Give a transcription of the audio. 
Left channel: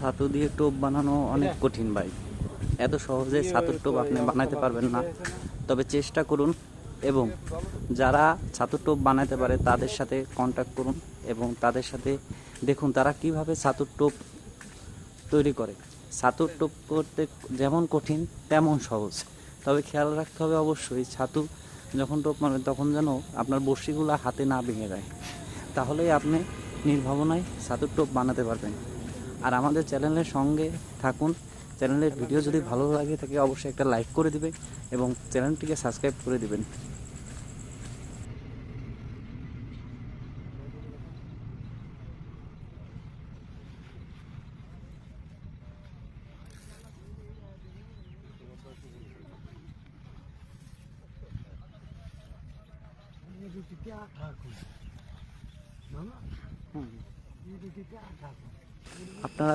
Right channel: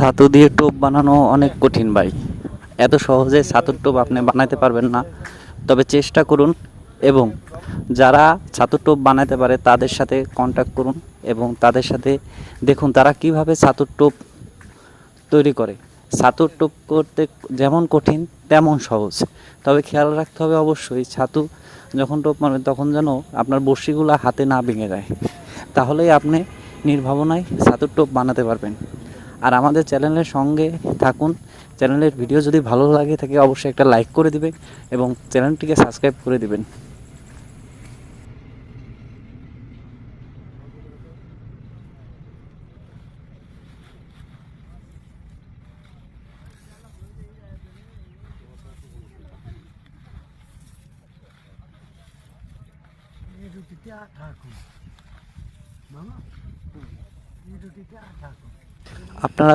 ছাতু দিয়ে টোপ বানানো অনেক কঠিন ভাই। এত সহজে ছাতুর টোপ আপনি বানাতে পারবেন না। তবে চেষ্টা করুন এবং যারা ছাতুর টোপ বানাতে পারে তাদের সাথে কন্ট্যাক্ট করুন এবং তাদের সাথে দেখুন তারা কিভাবে ছাতুর টোপ তৈরি করে। ছাতুর টোপ করতে যেমন কঠিন তেমন সহজ। তবে খেয়াল রাখতে হবে অবশ্যই ছাতু যখন টোপ মারবেন তখন যেন আপনার বড়শিগুলো হাতে না ভেঙে যায়, তাহলেই আপনি নির্ভাবনায় ছাতুর টোপ বানাতে পারবেন। আর আমাদের চ্যানেলের সঙ্গে থাকুন। চ্যানেলের ভিডিও যদি ভালো লাগে থাকে অবশ্যই একটা লাইক করে দিবেন এবং চ্যানেলটিকে সাবস্ক্রাইব করে দিবেন। আপনারা